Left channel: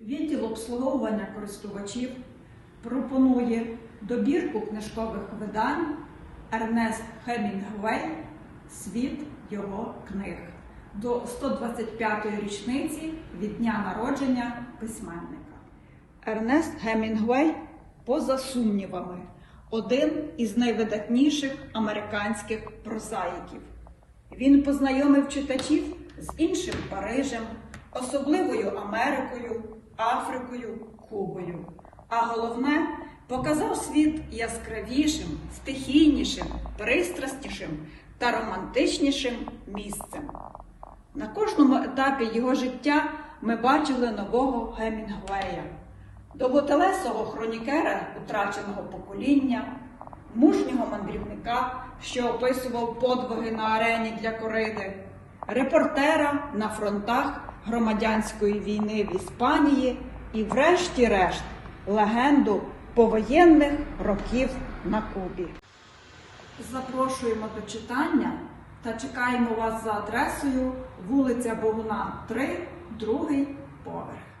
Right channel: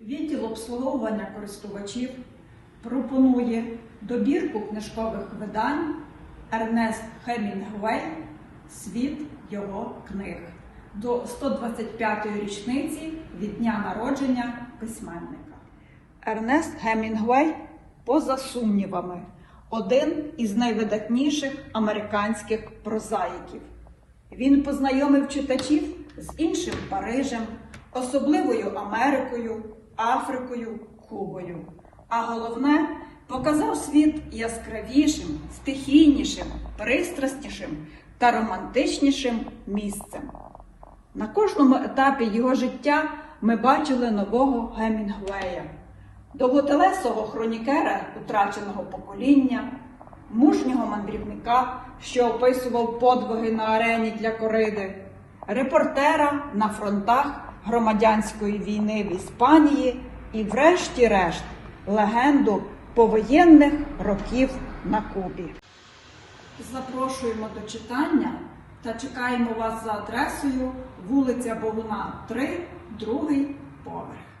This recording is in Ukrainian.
Відділ обслуговування користувачів пропонує добірку книжкових видань Ернест Хемінгуей Світ його книг до 125-ї річниці від дня народження письменника. Ернест Гемінгуей, поза сумнівами, один із найвидатніших американських прозаїків. Він познайомив читачів з іншим Парижем, особливою Америкою, Африкою, Кубою. А головне, показав світ яскравішим, стихійнішим, пристрастішим та романтичнішим місцем. На кожному етапі його життя ми бачили нового Гемінгуея, довготелесого хронікера утраченого покоління, мужнього мандрівника, що описував подвиги на арені для кориди, репортера на фронтах громадянської війни в Іспанії і, врешті-решт, легенду повоєнних років на Кубі. Запрошуємо до читання та чекаємо вас за адресою вулиця Богуна, 3, другий поверх.